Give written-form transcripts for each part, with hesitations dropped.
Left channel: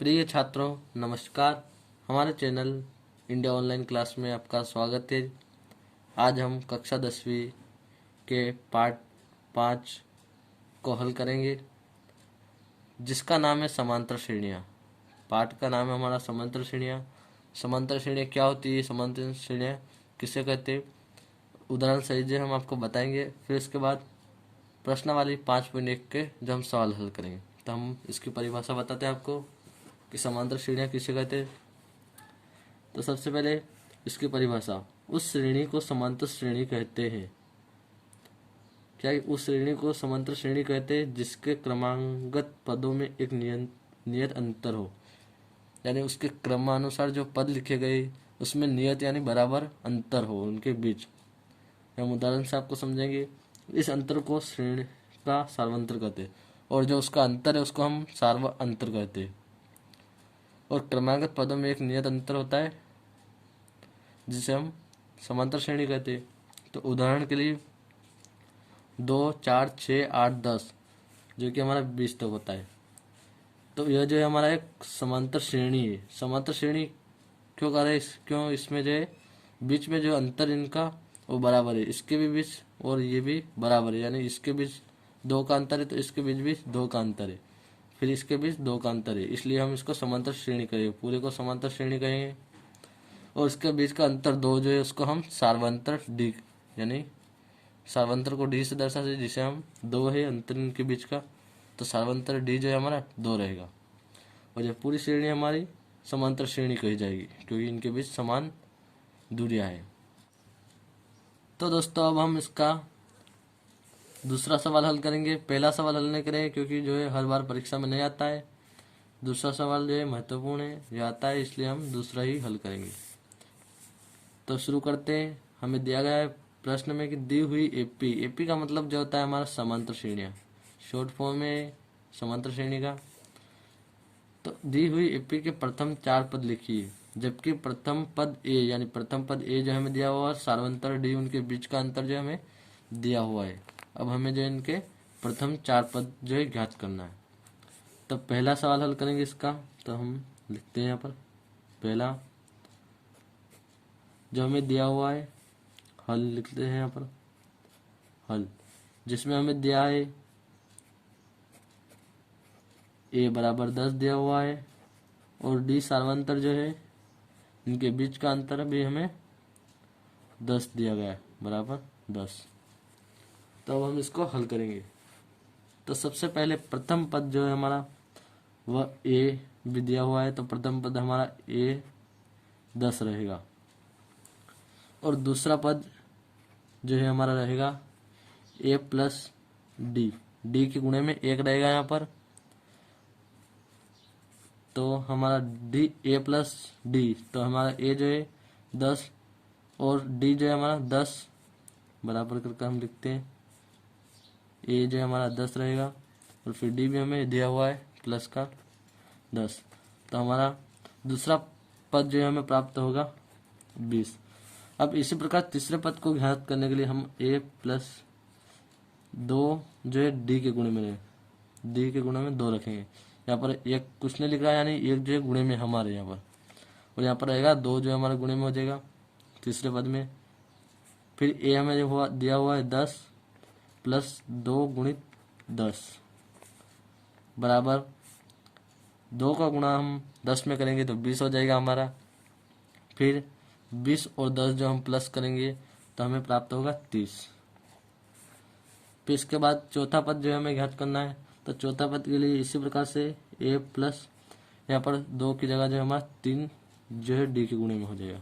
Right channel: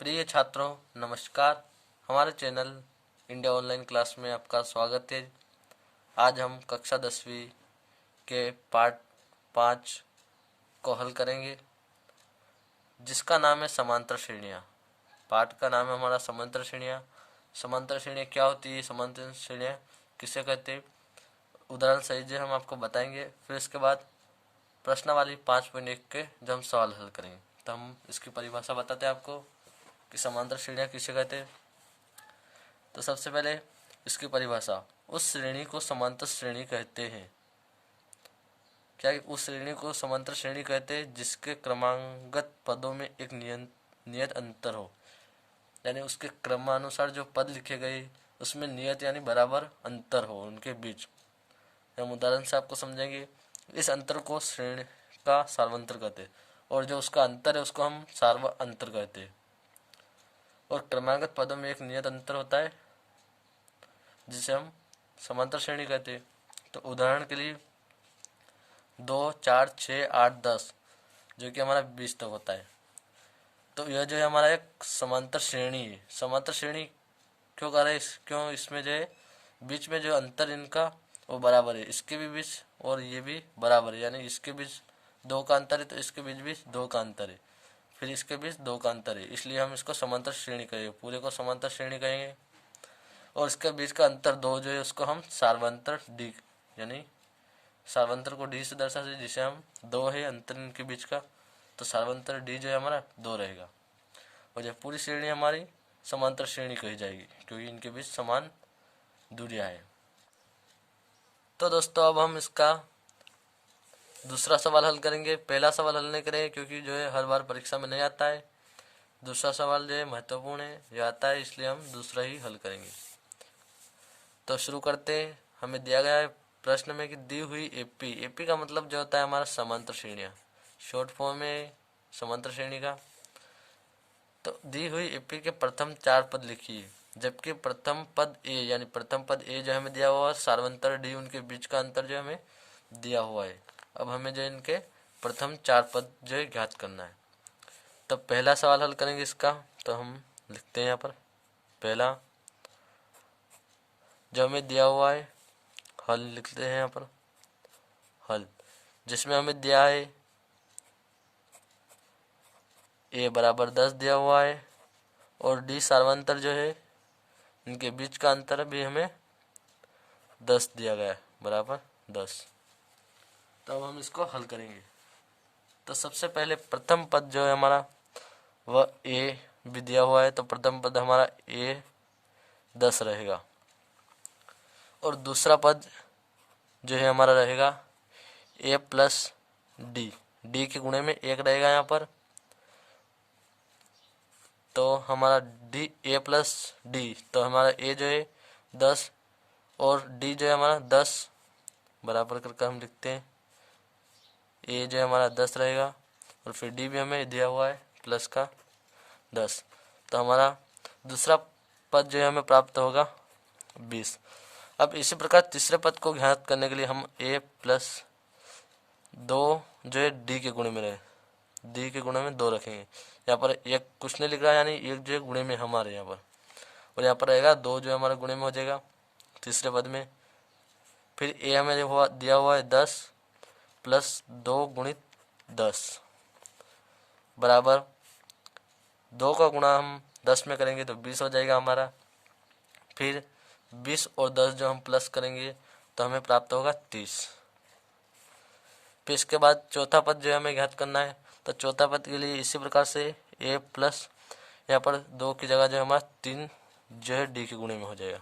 प्रिय छात्रों, नमस्कार। हमारे चैनल इंडिया ऑनलाइन क्लास में आपका स्वागत है। आज हम कक्षा 10वीं के पार्ट 5 को हल करेंगे, जिसका नाम है समांतर श्रेणियाँ। पाठ का नाम है हमारा समांतर श्रेणियाँ। समांतर श्रेणियाँ क्या होती है, समांतर श्रेणियाँ किसे कहते हैं, उदाहरण सहित हम आपको बताएंगे। फिर इसके बाद प्रश्नावली 5.1 के जब हम सवाल हल करेंगे तो हम इसकी परिभाषा बताते हैं आपको कि समांतर श्रेणियाँ किसे कहते हैं। तो सबसे पहले इसकी परिभाषा, उस श्रेणी को समांतर श्रेणी कहते हैं। क्या उस श्रेणी को समांतर श्रेणी कहते हैं जिसके क्रमांगत पदों में एक नियत अंतर हो, यानी उसके क्रमानुसार जो पद लिखे गए उसमें नियत यानी बराबर अंतर हो उनके बीच। हम उदाहरण से आपको समझेंगे। इस अंतर को श्रेणी का सार्वंतर कहते हैं और जो उसका अंतर है उसको हम सार्व अंतर कहते हैं। और क्रमागत पदों में एक नियत अंतर होता है जिसे हम समांतर श्रेणी कहते हैं। तो उदाहरण के लिए 2, 4, 6, 8, 10 जो कि हमारा 20 तक होता है। तो यह जो है हमारा एक समांतर श्रेणी है। समांतर श्रेणी क्यों कह रहे हैं, क्यों इसमें जो है बीच में जो अंतर इनका वो बराबर है, इसके भी बीच और ये भी बराबर है, यानी इसके बीच 2 का अंतर है तो इसके बीच भी 2 का अंतर है, फिर इसके बीच 2 का अंतर है, इसलिए हम इसको समांतर श्रेणी कहेंगे। पूरे को समांतर श्रेणी कहेंगे। और इसके बीच का अंतर 2 जो है उसको हम सार्वंतर डी, यानी सार्वंतर को डी से दर्शाते, जिसे हम 2 है अंतर इनके बीच का, तो सार्वंतर डी जो है हमारा 2 रहेगा। और यह पूरी श्रेणी हमारी समांतर श्रेणी कही जाएगी क्योंकि इनके बीच समान दूरियां हैं। तो दोस्तों अब हम इसका दूसरा सवाल हल करेंगे। पहला सवाल हल नहीं करेंगे क्योंकि जो है हर बार परीक्षा में नहीं आता है। दूसरा सवाल जो है महत्वपूर्ण है, यह आता है, इसलिए हम दूसरा ही हल करेंगे। तो शुरू करते हैं। हमें दिया गया है प्रश्न में कि दी हुई एपी, एपी का मतलब जो होता है हमारा समांतर श्रेणियाँ, शॉर्ट फॉर्म है समांतर श्रेणी का। तो दी हुई एपी के प्रथम 4 पद लिखिए, जबकि प्रथम पद ए, यानी प्रथम पद ए जो हमें दिया हुआ है, सार्वंतर डी उनके बीच का अंतर जो हमें दिया हुआ है। अब हमें जो इनके प्रथम 4 पद जो है ज्ञात करना है। तो पहला सवाल हल करेंगे इसका। तो हम लिखते हैं यहाँ पर पहला जो हमें दिया हुआ है, हल लिखते हैं यहाँ पर हल, जिसमें हमें दिया है ए बराबर 10 दिया हुआ है और डी सार्वंतर जो है इनके बीच का अंतर भी हमें 10 दिया गया है, बराबर 10। तो अब हम इसको हल करेंगे। तो सबसे पहले प्रथम पद जो है हमारा वह ए भी दिया हुआ है, तो प्रथम पद हमारा ए 10 रहेगा। और दूसरा पद जो है हमारा रहेगा ए प्लस डी, डी के गुणे में 1 रहेगा यहाँ पर। तो हमारा डी ए प्लस डी, तो हमारा ए जो है 10 और डी जो है हमारा 10 बराबर करके हम लिखते हैं। ए जो है हमारा 10 रहेगा और फिर डी भी हमें दिया हुआ है प्लस का 10। तो हमारा दूसरा पद जो है हमें प्राप्त होगा 20। अब इसी प्रकार तीसरे पद को ज्ञात करने के लिए हम ए प्लस 2 जो है डी के गुणे में रहे, डी के गुणे में 2 रखेंगे। यहाँ पर एक कुछ नहीं लिख रहा है, यानी एक जो है गुणे में हमारे यहाँ पर, और यहाँ पर रहेगा 2 जो है हमारे गुणे में हो जाएगा तीसरे पद में। फिर ए हमें दिया हुआ है 10 प्लस 2 गुणित 10 बराबर 2 का गुणा हम 10 में करेंगे तो 20 हो जाएगा हमारा। फिर 20 और 10 जो हम प्लस करेंगे तो हमें प्राप्त होगा 30। फिर इसके बाद चौथा पद जो है हमें ज्ञात करना है। तो चौथा पद के लिए इसी प्रकार से ए प्लस यहाँ पर 2 की जगह जो हमारा 3 जो है डी के गुणे में हो जाएगा,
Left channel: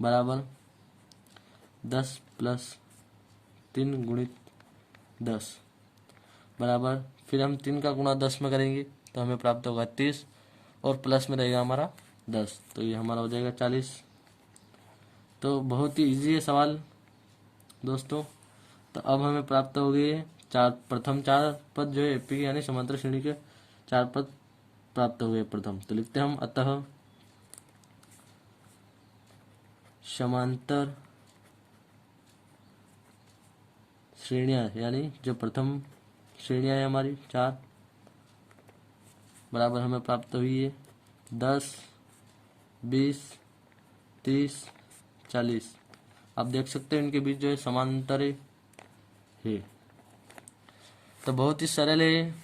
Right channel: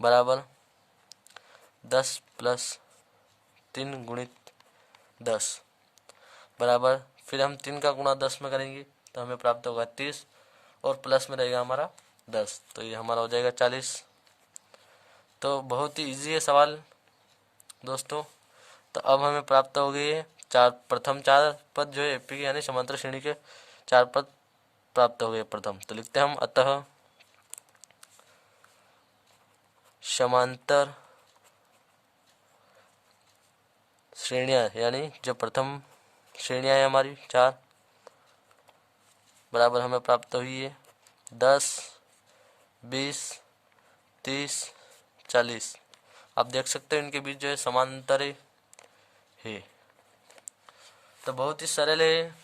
बराबर 10 प्लस 3 गुणित 10 बराबर, फिर हम 3 का गुणा 10 में करेंगे तो हमें प्राप्त होगा 30 और प्लस में रहेगा हमारा 10, तो ये हमारा हो जाएगा 40। तो बहुत ही इजी है सवाल दोस्तों। तो अब हमें प्राप्त हो गई है प्रथम 4 पद जो है एपी के, यानी समांतर श्रेणी के 4 पद प्राप्त हो गए प्रथम। तो लिखते हैं हम, अतः समांतर श्रेणियाँ, यानी जो प्रथम श्रेणियाँ हैं हमारी 4, बराबर हमें प्राप्त हुई है 10, 20, 30, 40। आप देख सकते हो इनके बीच जो है समांतर है। तो बहुत ही सरल है,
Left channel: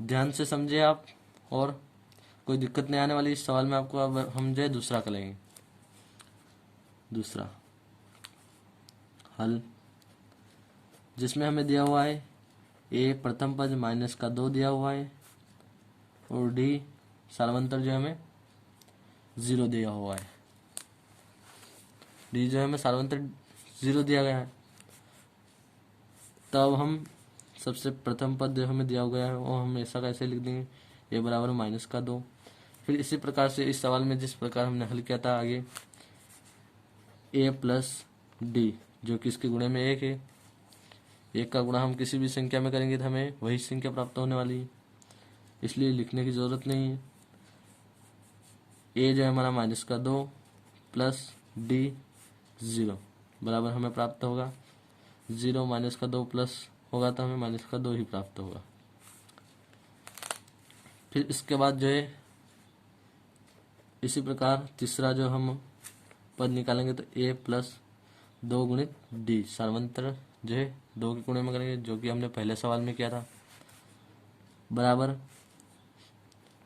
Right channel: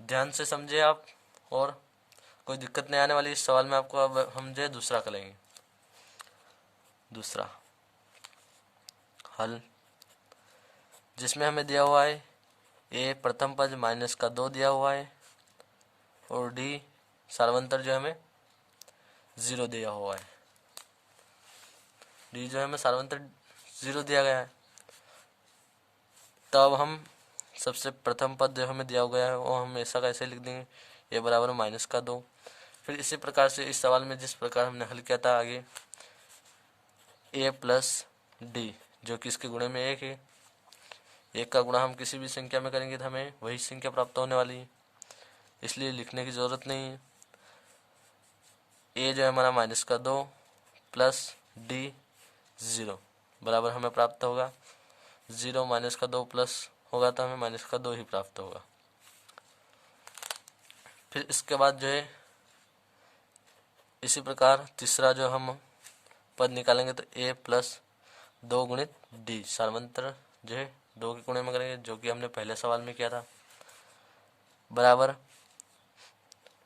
ध्यान से समझे आप, और कोई दिक्कत नहीं आने वाली इस सवाल में आपको। अब हम जो है दूसरा करेंगे। दूसरा हल, जिसमें हमें दिया हुआ है ए प्रथम पद माइनस का 2 दिया हुआ है, और डी सार्वंतर जो हमें 0 दिया हुआ है। डी जो है हमें सार्वंतर 0 दिया गया है। तब हम सबसे प्रथम पद जो हमें दिया गया है वो हम ऐसा कैसे लिख देंगे, ए बराबर माइनस का 2। फिर इसी प्रकार से इस सवाल में जिस प्रकार हमने हल किया था आगे, ए प्लस डी जो कि इसके गुणे में 1 है। 1 का गुणा हम किसी भी संख्या में करेंगे तो हमें वही संख्या प्राप्त होने वाली है, इसलिए लिखने की ज़रूरत नहीं है। ए जो है हमारा माइनस का 2 प्लस डी 0 बराबर हमें प्राप्त होगा 0 माइनस का 2 प्लस होगा तो हमें माइनस का 2 ही प्राप्त होगा। फिर इसके बाद जो है इसी प्रकार तीसरा जो हम पद निकालेंगे तो ए प्लस 2 गुणित डी सार्वंतर जो है 2 के गुणे में करेंगे, जो कि हमने पहले सवाल में किया था, बराबर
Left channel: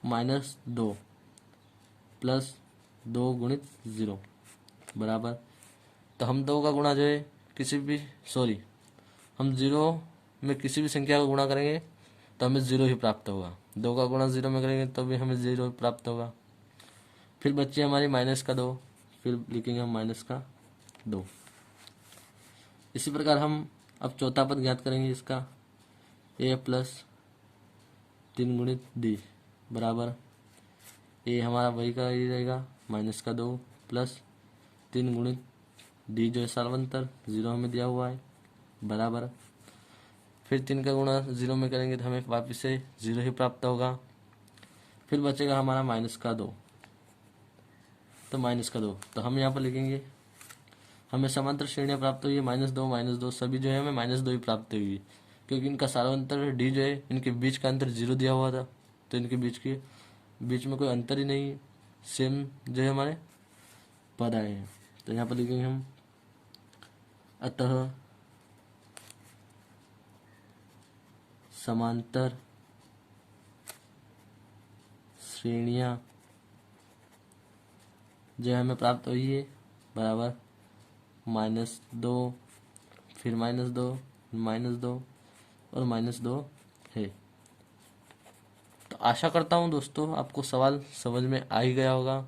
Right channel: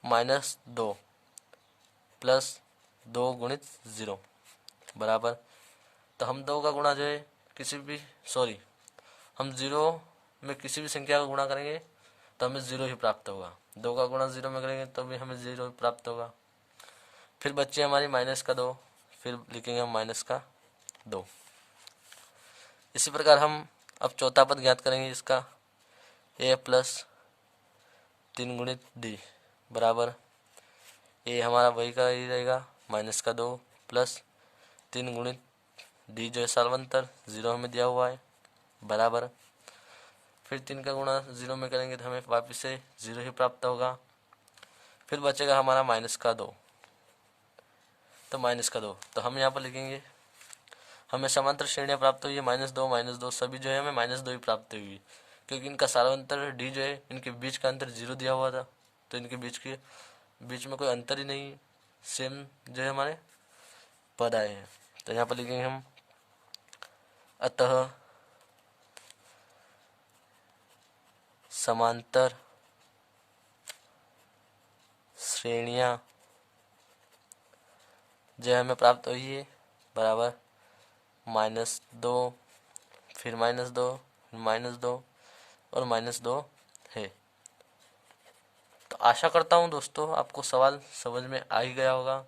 -2 प्लस 2 गुणित 0 बराबर। तो हम 2 का गुणा जो है हम 0 में किसी भी संख्या का गुणा करेंगे तो हमें 0 ही प्राप्त होगा। 2 का गुणा 0 में करेंगे तो भी हमें 0 ही प्राप्त होगा। फिर बची हमारी माइनस का 2, फिर लिखेंगे हम माइनस का 2। इसी प्रकार हम अब चौथा पद ज्ञात करेंगे इसका, ए प्लस 3 गुणित डी बराबर, ए हमारा वही का ही रहेगा माइनस का 2 प्लस 3 गुणित डी जो है सार्वंतर 0 हमें दिया हुआ है, बराबर। फिर 3 का गुणा 0 में करेंगे तो हमें वापस से 0 ही प्राप्त होगा। फिर बचेगा हमारा माइनस का 2, तो माइनस का 2 तो हम यहाँ पर लिखेंगे हमें समांतर श्रेणियाँ प्राप्त हुई है -2 सभी जो है हमें -2 ही प्राप्त हुई, क्योंकि इनका सार्वंतर डी जो है इनके बीच का अंतर 0 दिया हुआ था, तो इनके बीच में कोई अंतर ही नहीं, सेम जो है हमारे पद आए हैं। तो यहाँ पर लिखेंगे हम, अतः समांतर श्रेणियाँ जो हमें प्राप्त हुई है बराबर -2 फिर -2 -2 और -2 है। तो आशा करता हूँ दोस्तों आपको सवाल समझ में आ ही गया होगा।